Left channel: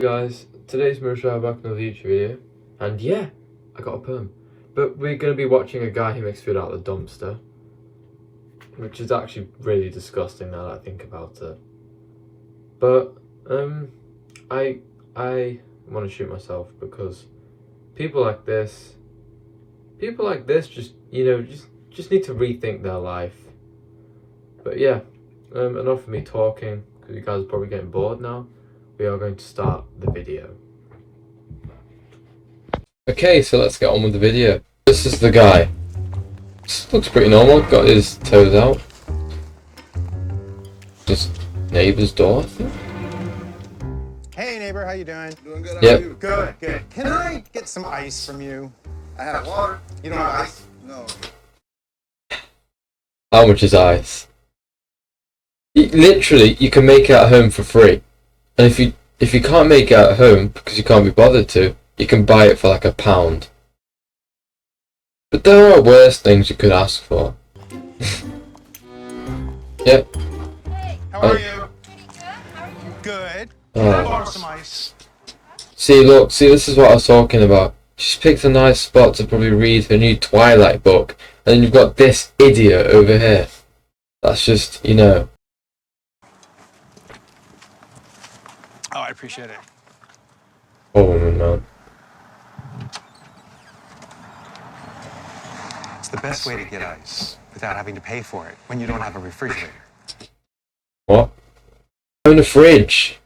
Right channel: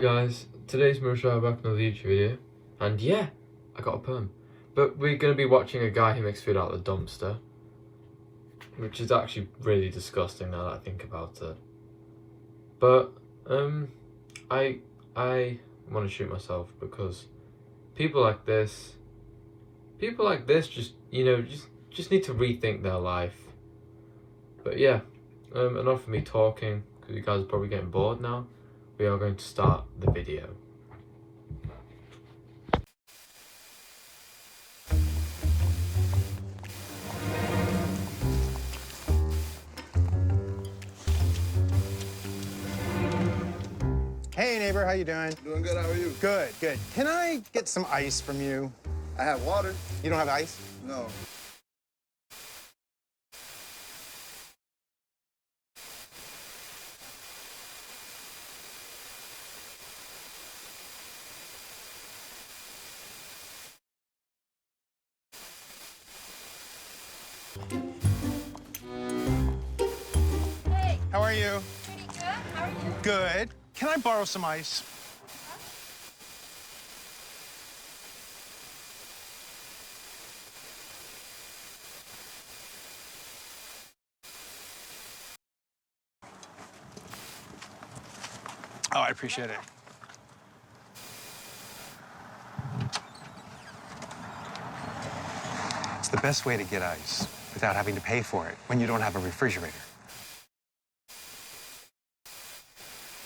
Guys, today's Marisha back with another YouTube video, and yeah, I got a perm. But we're going to be watching a guy who makes food out of the dumpster, which is actually really disgusting now that I think about it. But I want to shoot myself because people like this just just need to rethink their life. But yeah, enough of me talking because you guys are probably getting bored now. We are going to start the video. Okay, so let's get on with the video. This is the guy. This looks pretty normal, got his toes out. Just neighbor's door. Hey neighbor, how you doing? Doing good, how Yep. are you? Good, good. Can I get some ice from you? I have water. You don't have ice? No. How much is ice? Literally, you can make it at home for free. And if you can't make it at home because you can't be bothered to, you can buy it for like £1. But there are worse things you could ask for. Yep. How are you? Good. Can I borrow some ice? See, look, this is what I was talking about. She's picked a nice spot to probably read her new Twilight book, and then you've got this idiot over here. That's just, Oh, I appreciate it. Oh no. It's the best way to get ice without having to pay for it when you don't have a refrigerator. What? In the fridge.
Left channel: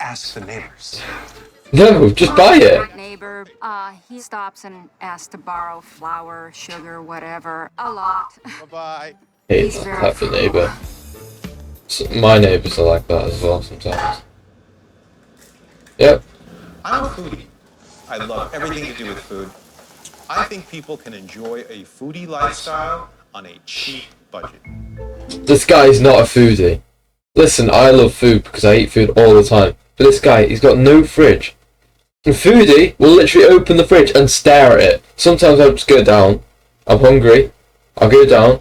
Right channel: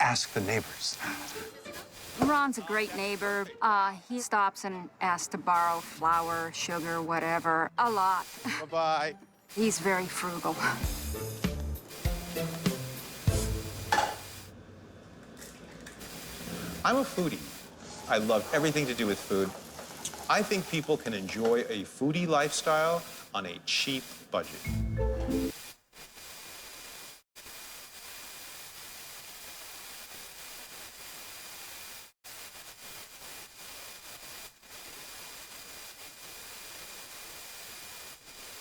Ask the neighbors. No, just buy it. Great neighbor. He stops and asks to borrow flour, sugar, whatever, a lot. Bye-bye. Hey, He's very that's the frugal. neighbour. My neighbours are like that as well sometimes. Yep. I'm a foodie. I love everything to do with food. I think people can enjoy a foodie lifestyle on a cheap budget. This guy is not a foodie. Listen, I love food because I eat food all the time. But this guy, he's got no fridge. And foodie will literally open the fridge and stare at it. Sometimes I'll just go down. I'm hungry. I'll go down.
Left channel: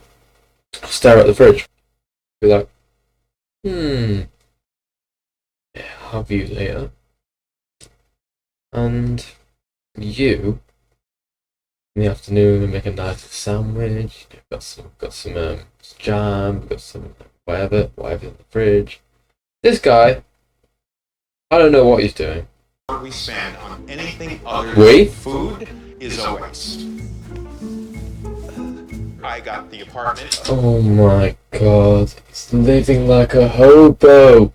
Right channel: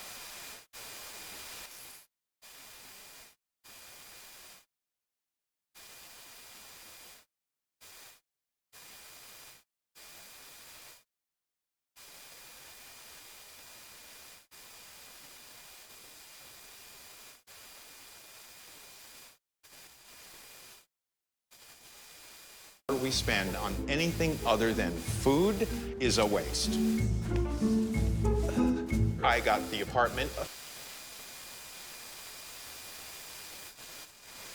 I'll stare at the fridge. Be like, yeah, I'll have you later. And you, in the afternoon, make a nice sandwich. Got some jam. Got some whatever in the fridge. This guy, I don't know what he's doing. What we spend on anything other We? than food is a waste. I got the apartment. Oh my god, he's living like a hobo.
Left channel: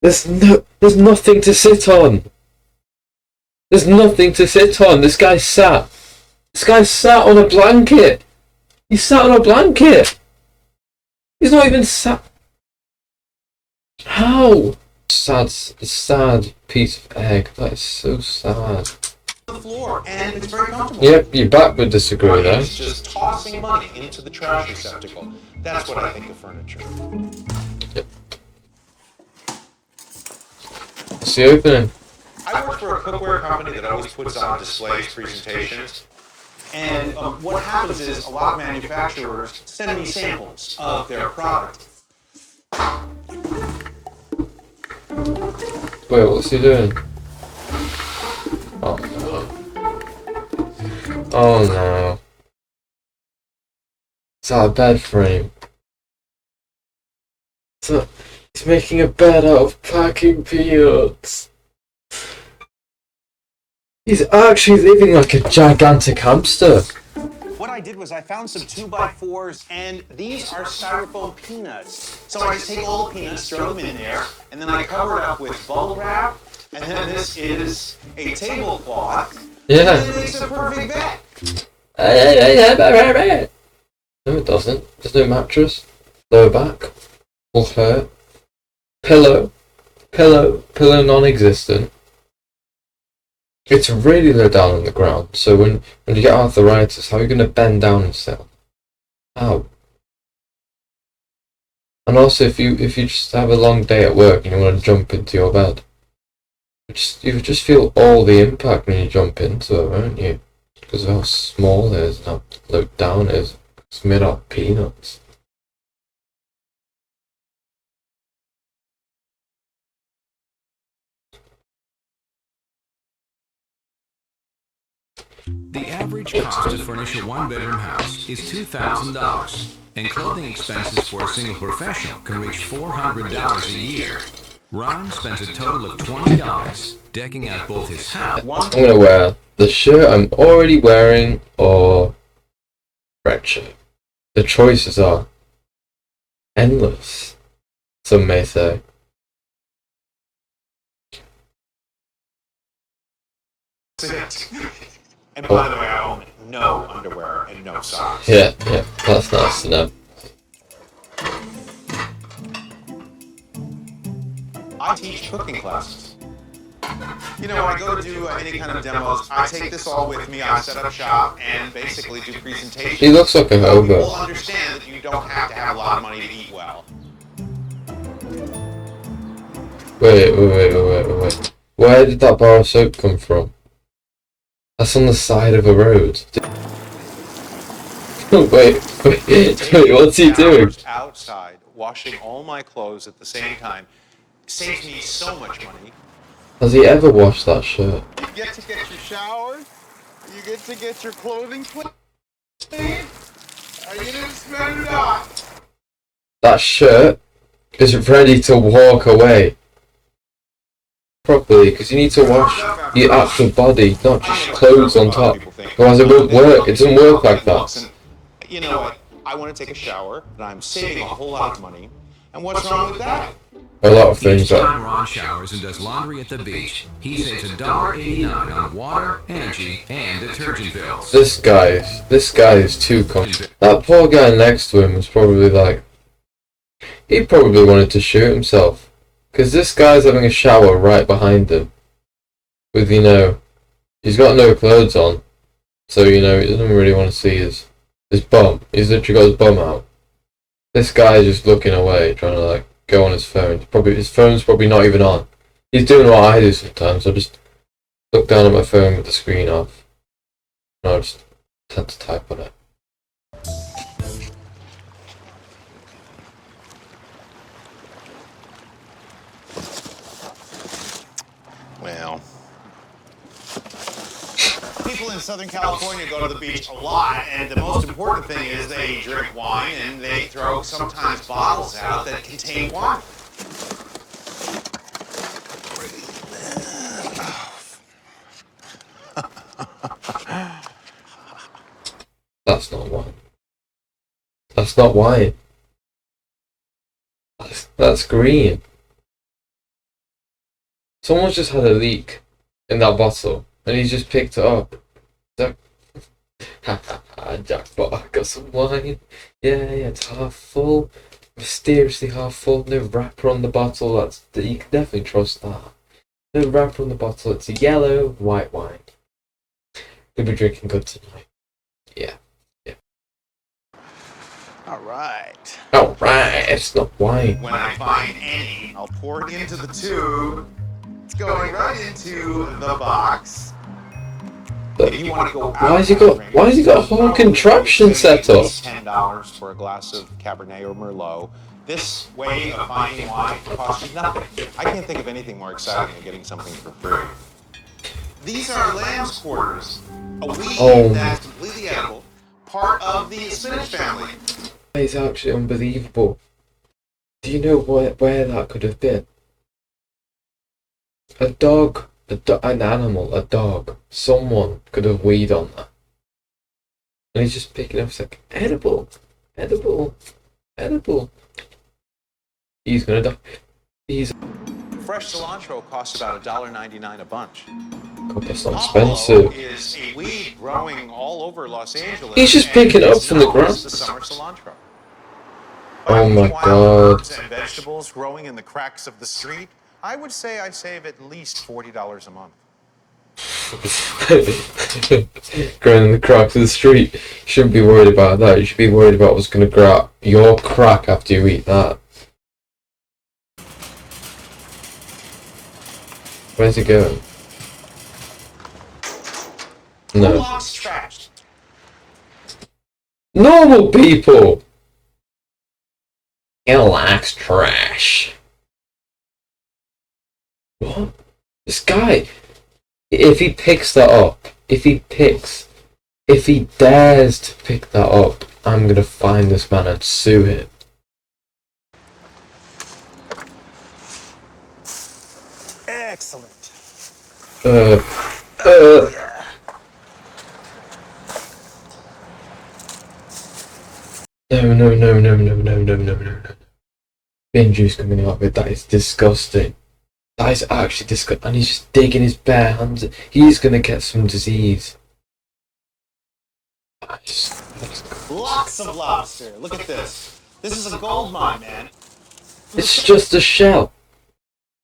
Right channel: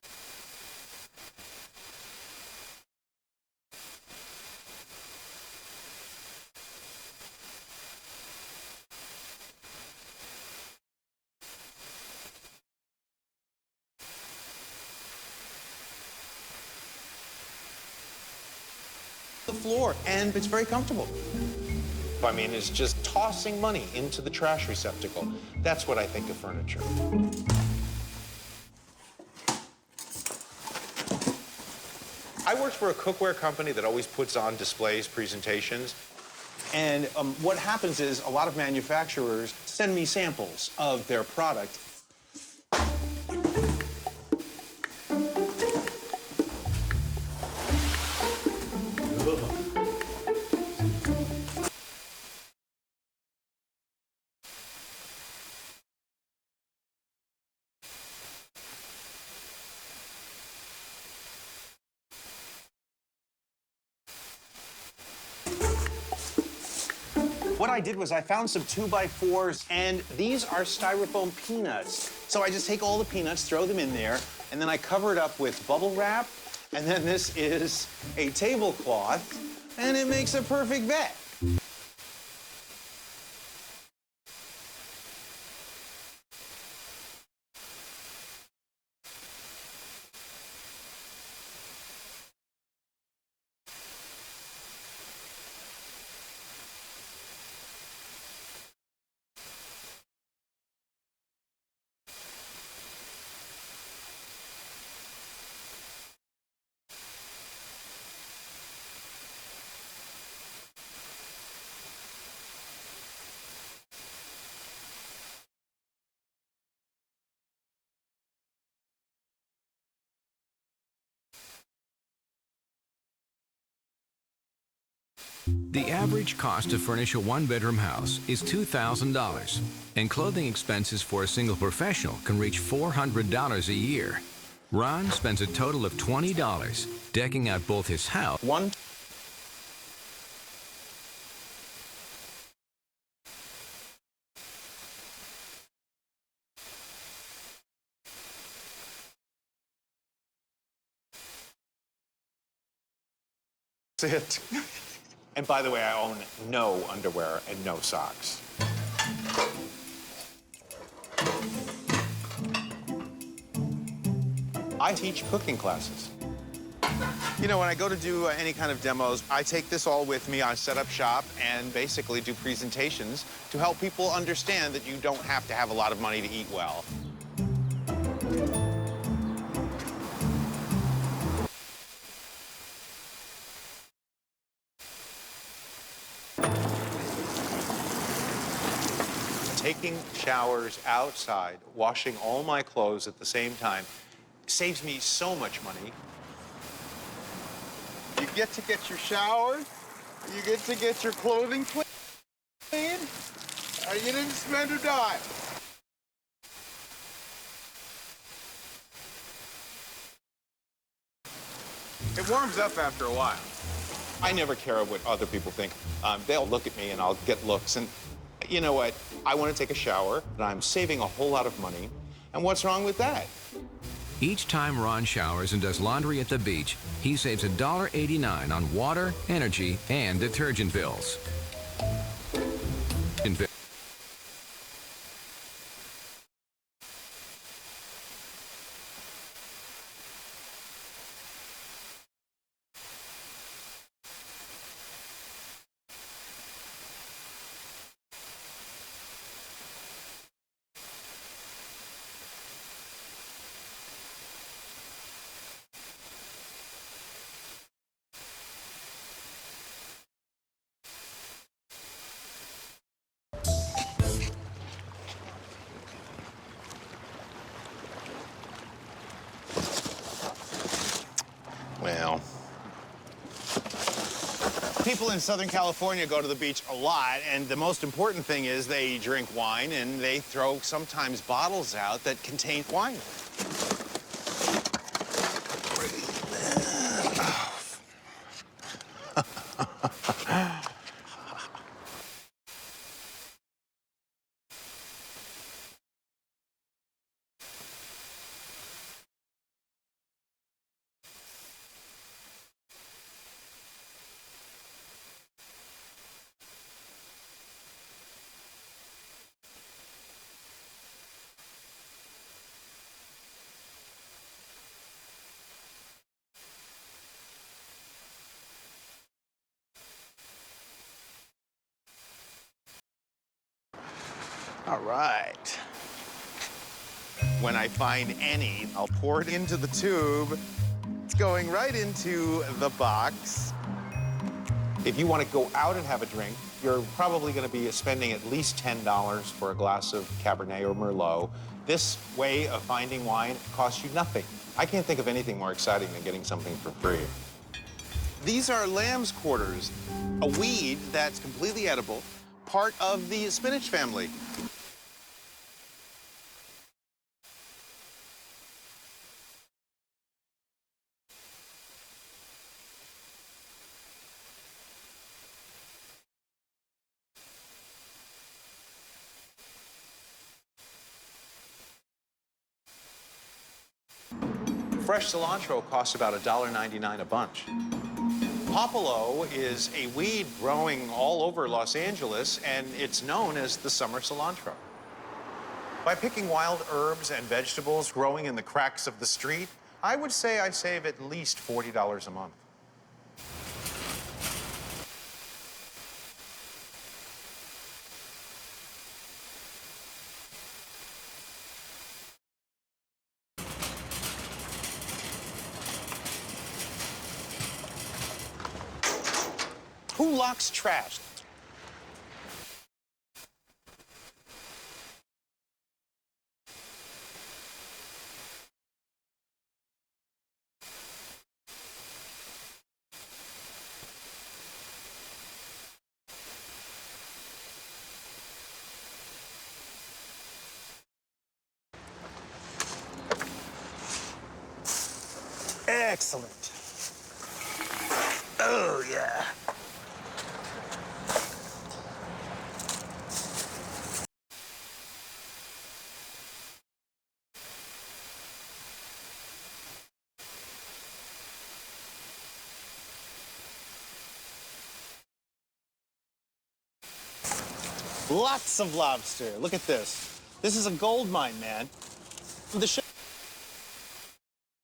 There's nothing to sit on. There's nothing to sit on. This guy sat on a blanket. He sat on a blanket. He's not even sat. How? Sad piece of egg. That is so sad. The floor, and it's very comfortable. Yep, your back would disagree with that. It's just tossing money into the trash receptacle. That's what I think of furniture. It's the opening. I work for a cookware company that always puts on displays, presentations. And what happens is a lot of manufacturers send me samples of their product. Wait, what's he doing? Oh no. Oh no. It's our bed frame. So he's making a bed out of packing peanuts. He's actually living like a gigantic hamster. What I did was I found some 2x4s, and these are styrofoam peanuts. So I just take all the peanuts, throw them in there, and then I cover it up with bubble wrap, and then this is a tablecloth, Yeah. and it makes a perfect bed. No, it doesn't. There's no mattress. Lower back. Will hurt. Pillow non-existent. It's really low down on the ground, so when you get arthritis, how are you going to bend down and sit? How? And also, if you just have a long day at work and you want to jump into your bed, you just feel all the impact when you jump into it, won't you? Because of how small it is and how low down it is. It's made out of peanuts. The average cost to furnish a one-bedroom house is $2,000, and clothing expenses for a single professional can reach $400 a year. Ron spends a total of $20 decking out both his house. I'm gonna wear the shirt I'm already wearing or red shirt. The choices are endless, some may say. That's it. And by the way, I own no underwear and no socks. Yeah, that's nice to know. I teach cooking classes. You know, when I go to do any kind of demos, I take this all with me. I set up shop and basically do presentations. He looks like a hobo. People understand that you don't have to have a lot of money to eat well. Wait. Where did that bar of soap come from? That's on the side of a road. wait, what's he doing? Outside, washing all my clothes at the same time saves me so much money. Has he ever washed that shirt? You get to get your shower. You get to get your clothing clean. You didn't spend it all. That shirt is ready to walk away. Properly, because you need to wash your actual body, not just clothes on top. Otherwise it won't work. It doesn't work like that. And you know what? I want to take a shower, and I'm saving a whole lot of money. And what's wrong with that? A lot of Each things are. time Ron showers and does laundry at the beach, he saves $1.89 on water, energy, and detergent bills. This guy is too confident. That poor guy next to him was probably like, he probably wanted to shoot himself. Because this guy's having a shower right behind him. With, he's got no clothes on. So, he doesn't really want to see his bum. He's literally got his bum out. This guy is just looking away, trying to, go on his phone. His phone's probably not even on. He's doing what I do sometimes. I just look down at my phone with the screen off. And I just tend to type on it. Well, people in Southern California go to the beach a lot, and the most important thing is they drink wine and they throw sometimes bottles out that contain wine. That's not wine. That's not wine. That's green. Someone's just had a leak in that bottle, and he's just picked it up. Jackpot, I got some wine. Yeah, it's half full. Mysteriously half full. No wrapper on the bottle. You can definitely trust that. No wrapper on the bottle. It's a yellow, white wine. We'll be drinking good tonight. Yeah. All right. Alright, it's not wine. When I find any, I'll pour it into the tube. It's going right into the box. If you want to go out, Why has he got a whole contraption set up? $10 for a glass of Cabernet or Merlot. This way of finding wine costs you nothing. I can't think of anything more exciting than getting something for free. These are lamb's quarters, a weed that's completely edible, part of the spinach family. It's actually unbelievable. Do you know where that could have been? A dog, an animal, a dog. Someone could have weed on that. And he's just picking up, it's like, edible. He's gonna die. Fresh cilantro costs about $1.99 a bunch. God, that's not Popolo expensive. is a weed growing all over Los Angeles. He's just picking it up from the ground. It's the summer cilantro. Oh my Wild God. herbs and vegetables growing in the cracks of the street. I would say I save at least $40 a month. Growing in the cracks of the street. You shouldn't be worried about that. You should be worried about what's gonna grow up your crack after you eat that. Where's it going? Who No. locks trash? Normal people! He likes trash. What? This guy, if he picks that up, if he dares to pick that up, I'm gonna find this man and sue him. Excellent. Yeah. No. Bin juice coming out of it, that is disgusting. That is actually disgusting. And he's just digging his bare hands. He's gonna get some disease. Lots of lobster. Look at this. This is a gold mine, man. It's just a shell.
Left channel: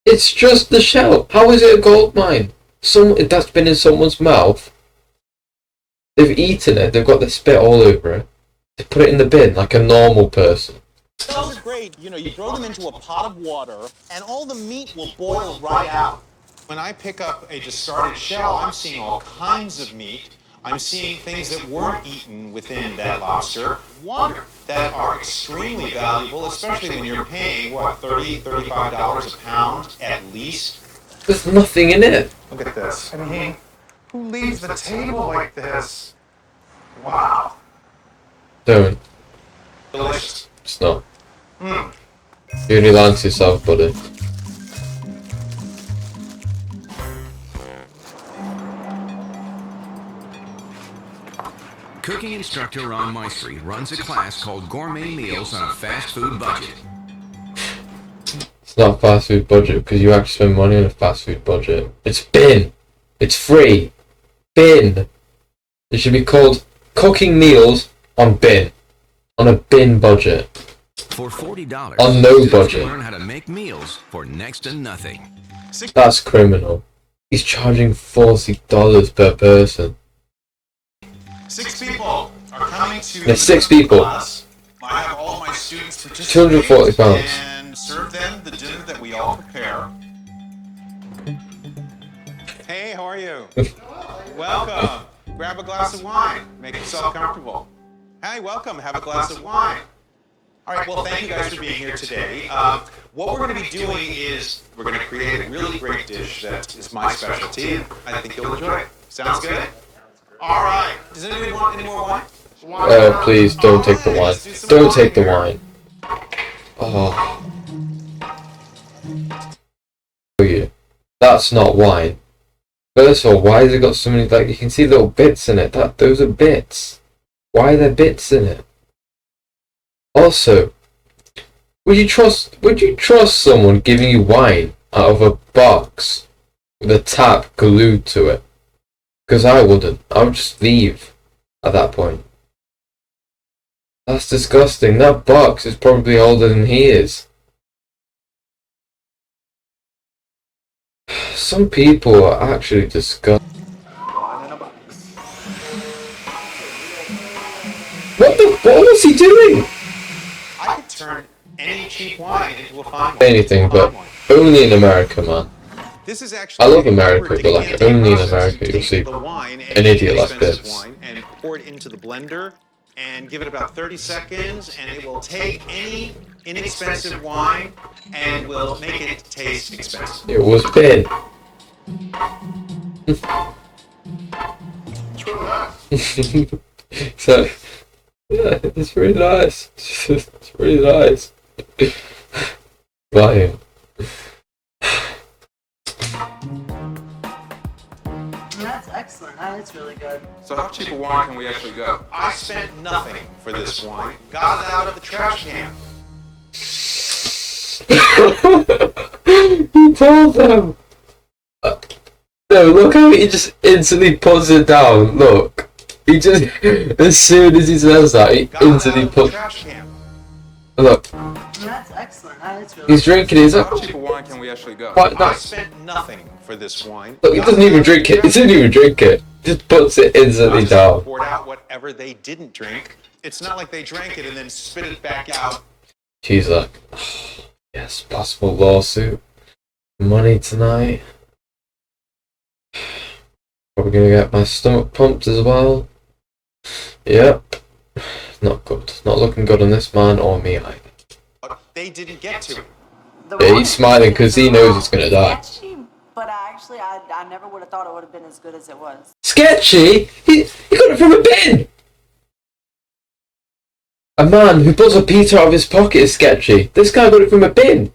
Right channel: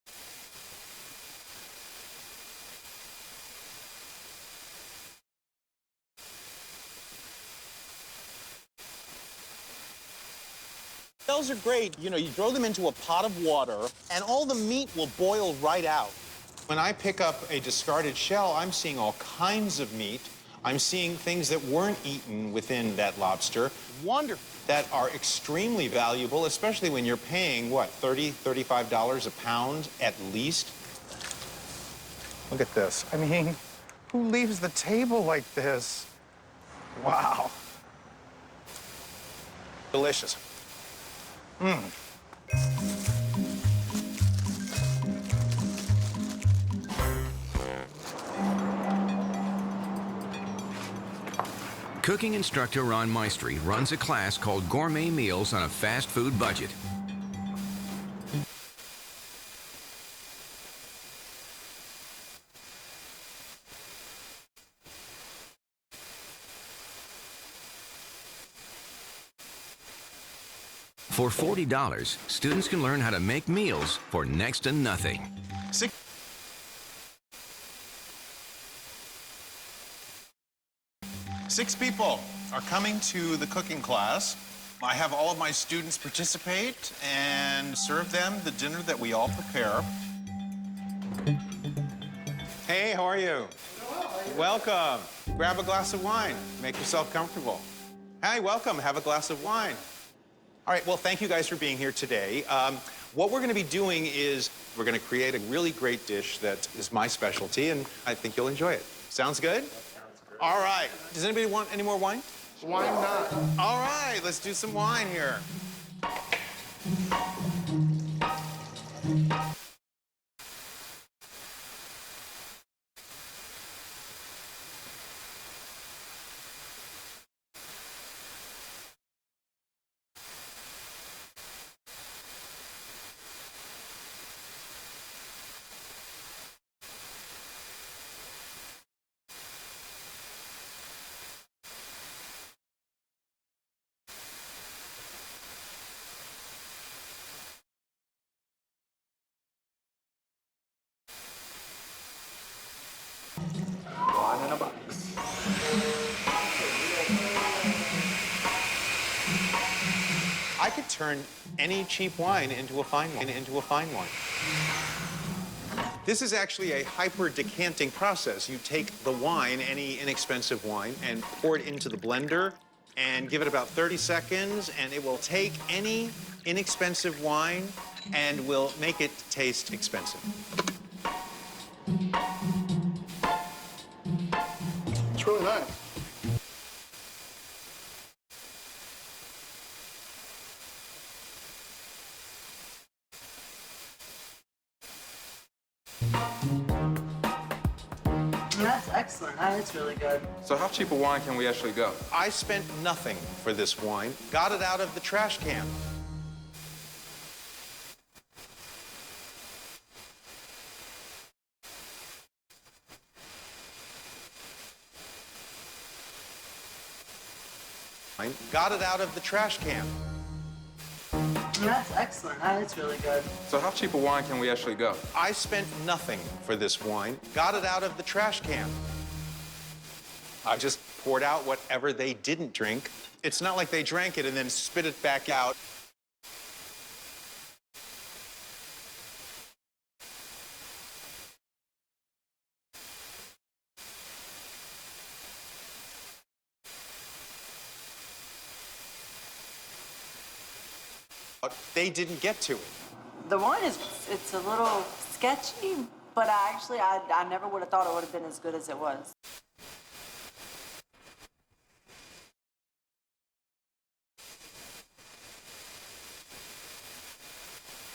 It's just the shell. How is it a gold mine? That's been in someone's mouth. They've eaten it. They've got their spit all over it. They put it in the bin like a normal person. Shells are great. You know, you throw them into a pot of water, and all the meat will boil right out. When I pick up a discarded shell, I'm seeing all kinds of meat. I'm seeing things that weren't eaten within that lobster. Wonder that are extremely valuable, especially when you're paying, what, $30, $35 a pound at least? There's nothing in it. Look at this. I mean, who leaves the table like this? Wow. Don't. Delicious. It's not. You only lying to yourself, buddy. Cooking instructor Ron Maestri runs a class called Gourmet Meals on a Fast Food Budget. It's not a fast food budget because you actually spend money on a fast food budget. It's bin. It's free. Bin. It should be called Cooking Meals on Bin. On a bin budget. For $40, On no students budget. can learn how to make meals for next to nothing. That's criminal. He's charging $40 per person. 6 people are coming to There's the 6 people. class. I have all of my students participate £240. and serve them the dinner that we all prepare. Hey, how are you? Welcome. Grab a glass of wine. Make yourself comfortable. Hey, welcome. Have a glass of wine. All right, well, thank you guys for being here today. What we're going to be doing is we're going to create a really great dish that is my specialty, and I think you'll enjoy it. Sounds good? All right. Does anybody want any more wine? Please don't take the wine. let's do some Don't wine take the here. wine. Oh. Oh yeah. That's not wine. First of all, why has it got so many, like, you can see little bits in it. Those are bits. Why are there bits in it? Also, would you trust someone giving you wine out of a box with a tap glued to it? Because I wouldn't. I would just leave at that point. That's disgusting. That box is probably older than he is. Some people are actually disgusting. What was he doing? I could turn any cheap wine into a fine wine. Anything, into a but fine wine. only in America, man. This is actually I love a America, hyper but, like, decanting only in process. America You you'll see take the wine, an any idiot like inexpensive this. wine, and pour it into the blender, and give it about 30 seconds, and it will take any inexpensive wine and will make it taste expensive. It was Ben. It's really nice. So, yeah, it's really nice. It's really nice. Buy him. That's excellent. That's really good. So how cheap a wine can we actually go? I spent nothing for this wine. Got it out of the trash can. He told them. No, look how he just instantly puts it down. Look. He just, as soon as he says that, he Got it out instantly of the puts. trash can. Look, That's excellent. That's really he's good. drinking his. So how cheap a wine can we actually go? What? I spent nothing for this wine. Look, he Got doesn't it even out of drink the it. He trash doesn't even drink it. Just puts it I instantly just down. poured out whatever they didn't drink. It's not like they drank it and then spit it back out. She's like, yes, possible lawsuit. Money tonight. Probably gonna get my stomach pumped as well. Yep. Not good. Not looking good on this man or me either. But they didn't get to it. The Yeah, wine he's is- smiling it's 'cause a he knows little it's gonna die. sketchy, but I never would have thought it would have been as good as it was. Sketchy? He got it from a bin! A man who pulls a pizza out of his pocket is sketchy. This guy got it from a bin.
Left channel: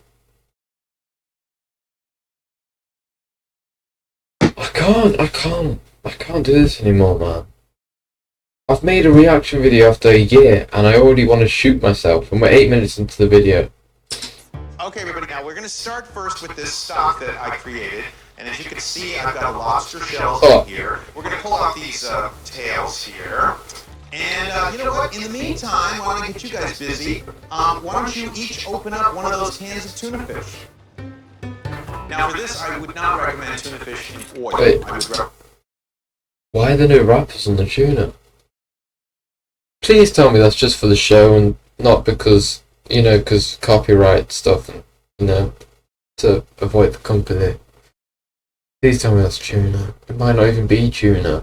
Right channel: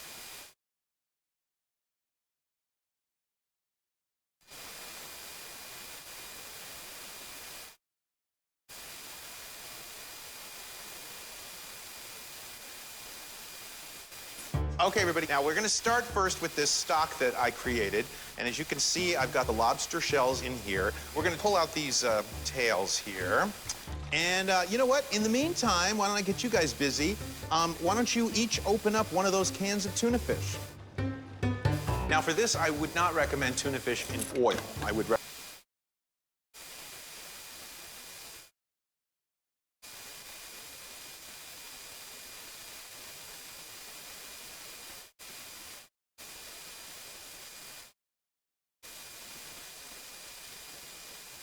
I can't do this anymore, man. I've made a reaction video after a year, and I already want to shoot myself, and we're 8 minutes into the video. Okay, everybody, now we're going to start first with this stock that I created. And as you can see, I've got the lobster shells in here. We're going to pull out these tails here. And you know what? In the meantime, why don't I get you guys busy? Why don't you each open up one of those cans of tuna fish? Now, for this, I would not recommend tuna fish in oil. Wait. I would Why are there no wrappers on the tuna? Please tell me that's just for the show and not because, you know, because copyright stuff, you know, to avoid the company. Please tell me that's tuna. It might not even be tuna.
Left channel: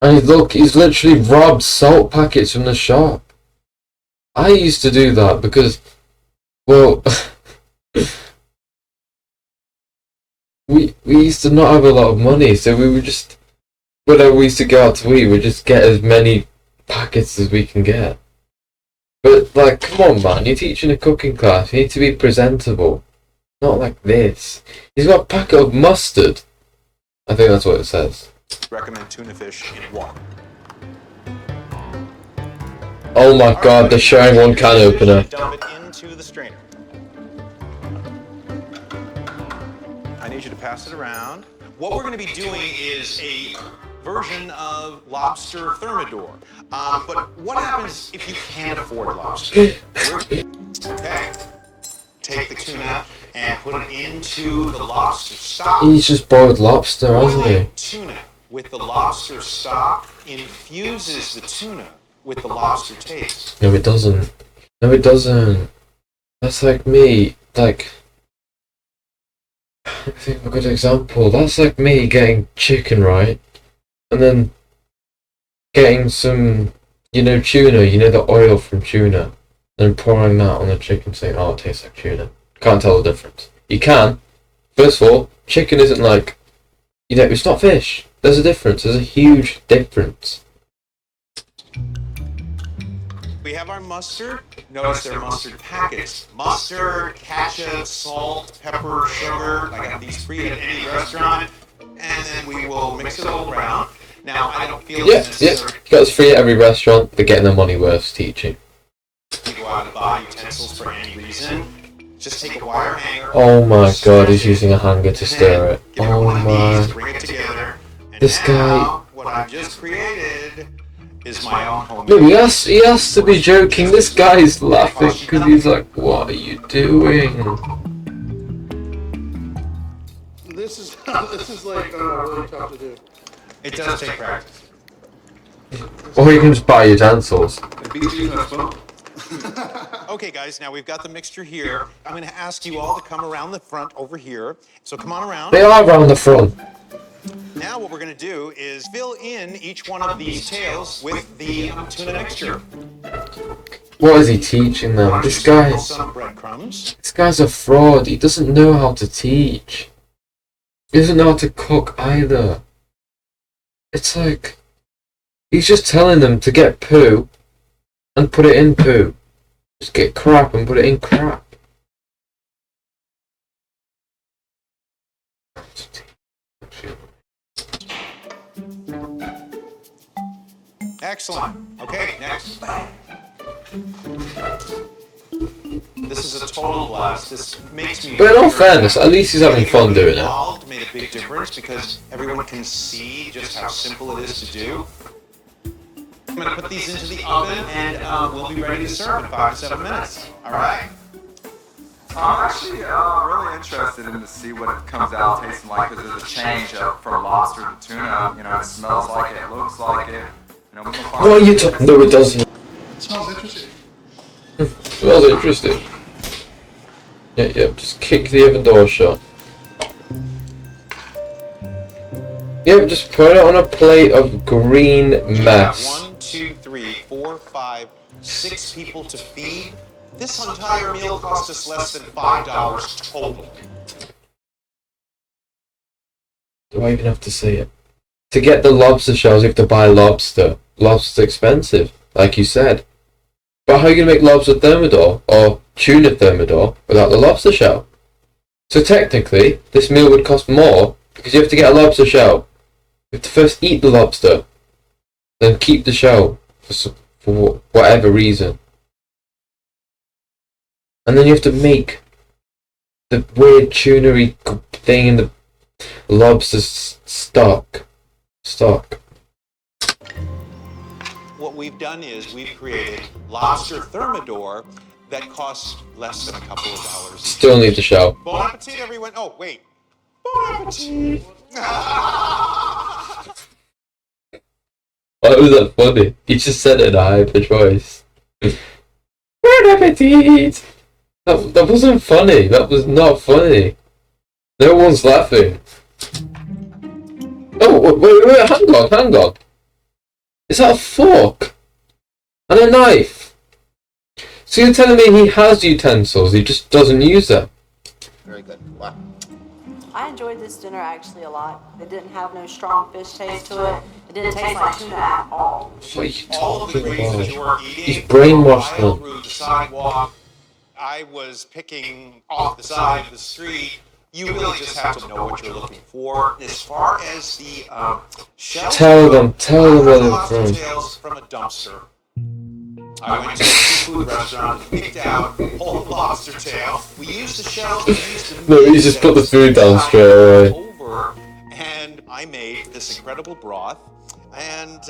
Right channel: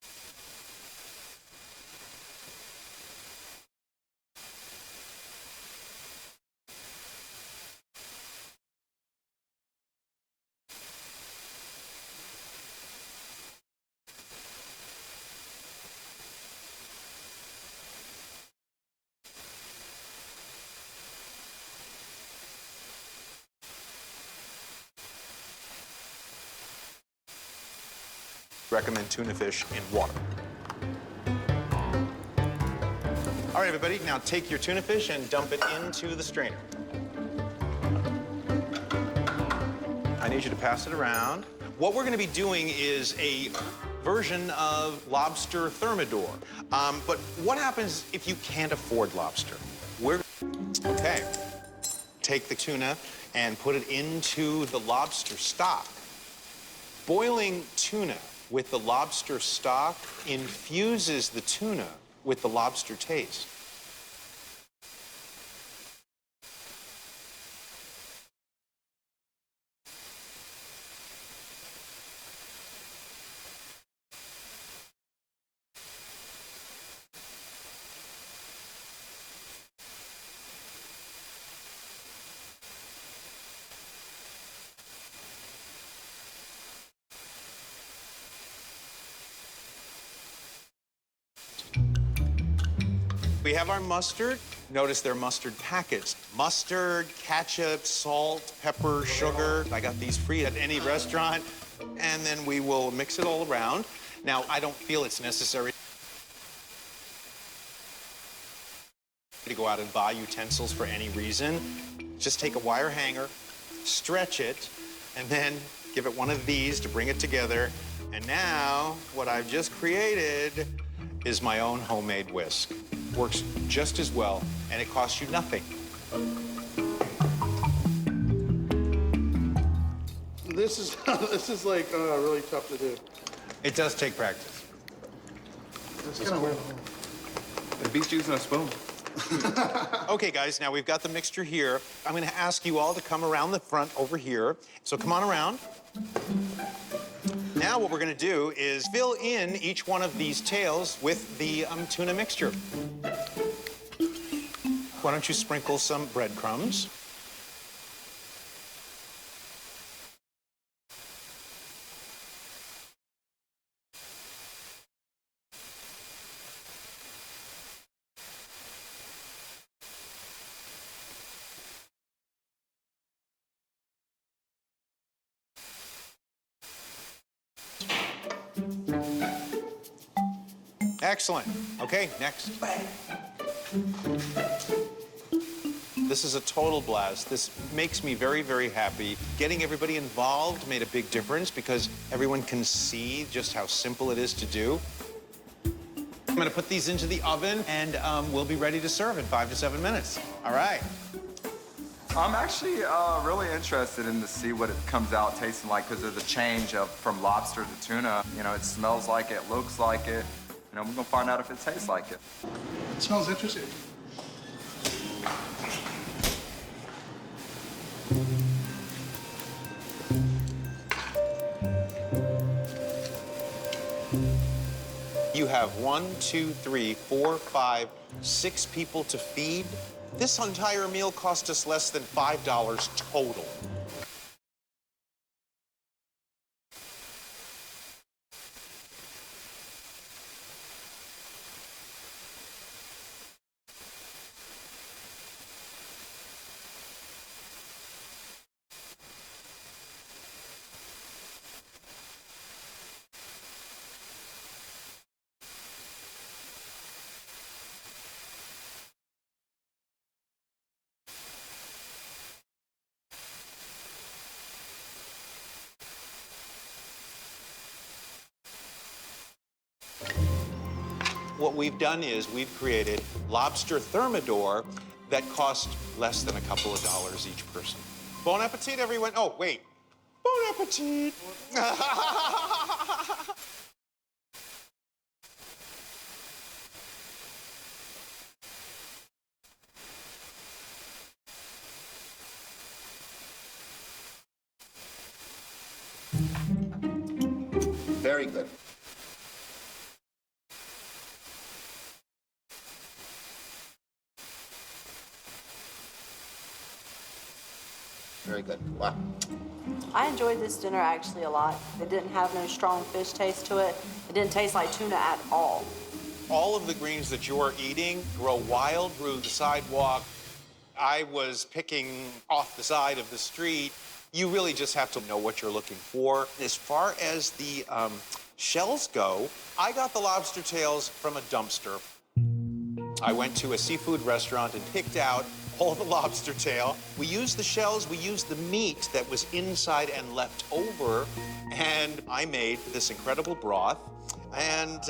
And look, he's literally robbed salt packets from the shop. I used to do that because, well, we used to not have a lot of money, so we would just, whenever we used to go out to eat, we'd just get as many packets as we can get. But, like, come on, man, you're teaching a cooking class, you need to be presentable. Not like this. He's got a packet of mustard. I think that's what it says. recommend tuna fish in water. Oh my god, they're showing one can opener. Dump it into the strainer. I need you to pass it around. What we're going to be doing is a version of lobster thermidor. But what happens if you can't afford lobster? Okay. Take the tuna and put it into the lobster stock. He's just boiled lobster, hasn't he? Boiling tuna with the lobster stock infuses the tuna with the lobster taste. No, it doesn't. No, it doesn't. That's like me, like... I think of a good example. That's like me getting chicken, right? And then getting some, you know, tuna, you know, the oil from tuna. Then pouring that on the chicken saying, oh, it tastes like tuna. Can't tell the difference. You can. First of all, chicken isn't like, you know, it's not fish. There's a difference. There's a huge difference. We have our mustard. Notice they're mustard packets. Mustard, ketchup, salt, pepper, sugar. I got these free at any restaurant. And then we will mix it all around. Now, I don't feel it's necessary. You got us free at every restaurant. They're getting their money worth teaching. You go out and buy utensils for any reason. Just take a wire hanger. Oh my god, he's stretch it, using a hanger to and stir then it. Give it Oh one of these to my. bring it together. And This now, what I've just created is my own homemade. No, he has to be joking. This guy's laughing because he's like, what are you doing? This is like really tough to do. It does take practice. Or you can just buy utensils. It beats using a spoon. Okay, guys, now we've got the mixture here. I'm going to ask you all to come around the front over here. So come on around. They are around the front. Now what we're going to do is fill in each one of these tails with the tuna mixture. What is he teaching Why them? don't you This sprinkle guy, some breadcrumbs? this guy's a fraud. He doesn't know how to teach. He doesn't know how to cook either. It's like, he's just telling them to get poo and put it in poo. Just get crap and put it in crap. Excellent. Okay, next. This is a total blast. This makes me But in all very fairness, happy. at least he's having fun doing it. Involved made a big difference because everyone can see just how simple it is to do. I'm going to put these into the oven and we'll be ready to serve in 5 to 7 minutes. All right. I'm actually really interested in to see what it comes out tasting like because of the change up from lobster to tuna. You know, it smells like it, looks like it. You know, we're gonna find What are out. you talking? No, it doesn't. It smells interesting. Smells interesting. Yep, just kick the oven door shut. Yep, just put it on a plate of green You have mess. 1, 2, 3, 4, 5, 6 people to feed. This entire meal cost us less than $5 total. Do I even have to say it? To get the lobster shells, you have to buy lobster. Lobster's expensive, like you said. But how are you going to make lobster thermidor or tuna thermidor without the lobster shell? So technically, this meal would cost more because you have to get a lobster shell. You have to first eat the lobster, then keep the shell for whatever reason. And then you have to make the weird tunery thing in the lobster stock. What we've done is we've created lobster thermidor that costs less than a couple of dollars each. Still need the shell. Bon appetit, everyone. Oh, wait. Bon appetit. Why was that funny? You just said it in a hyper voice. Bon appetit! That wasn't funny. That was not funny. No one's laughing. Oh, wait, hang on. Is that a fork? And a knife? So you're telling me he has utensils, he just doesn't use them? Very good. Wow. I enjoyed this dinner actually a lot. It didn't have no strong fish taste to it. It didn't taste like tuna at all. All of the grains that you're eating He's brainwashed were them. through the sidewalk. I was picking off the side of the street. You really just have to know what you're looking for. As far as the shells Tell them I where they're lobster from. tails from a dumpster. I went to a seafood restaurant and picked out whole lobster tail. We used the shells, we used the No, meat you just that put the was food down inside straight away. over, and I made this incredible broth. And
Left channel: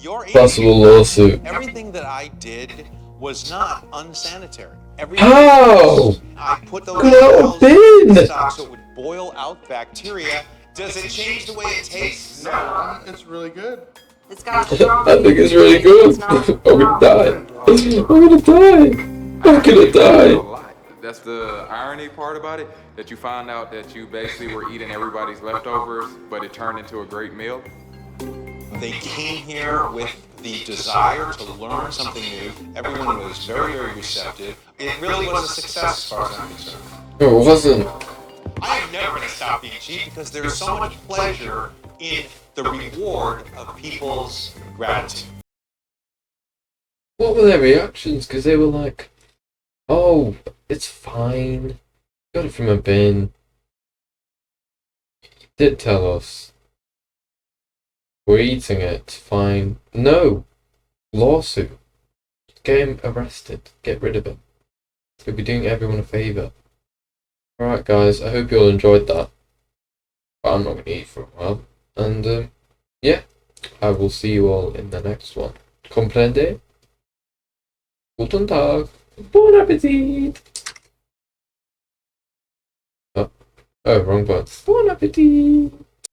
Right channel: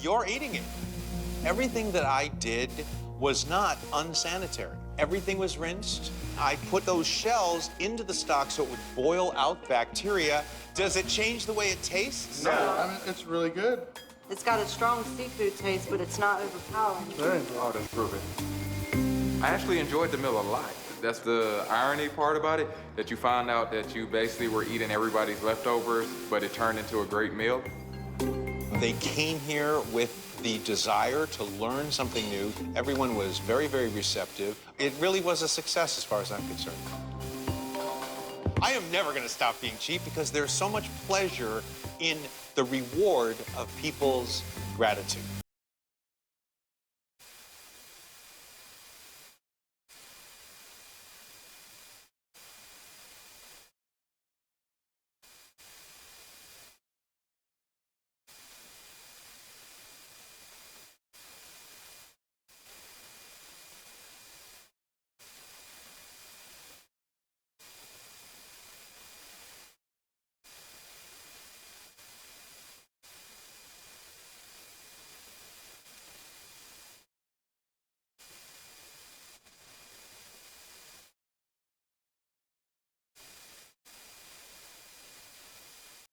you're eating. Possible lawsuit. Everything that I did was not unsanitary. Everything How? I put those Could shells have in the been. stock so it would boil out bacteria. Does it change the way it tastes? No, I mean, it's really good. It's got a strong I think it's really good. It's not I'm gonna die. I'm gonna die. I'm gonna die. That's the irony part about it, that you find out that you basically were eating everybody's leftovers, but it turned into a great meal. They came here with the desire to learn something new. Everyone was very, very receptive. It really was a success as far as I'm concerned. No, it wasn't. I am never going to stop being cheap because there's so much pleasure in the reward of people's gratitude. What were their reactions? Because they were like, oh, it's fine. Got it from a bin. He did tell us. We're eating it, it's fine. No! Lawsuit. Get him arrested. Get rid of him. He'll be doing everyone a favour. Alright guys, I hope you all enjoyed that. But I'm not going to eat for a while. And yeah, I will see you all in the next one. Comprende? Guten Tag. Bon appetit! Oh, wrong button. Bon appetit!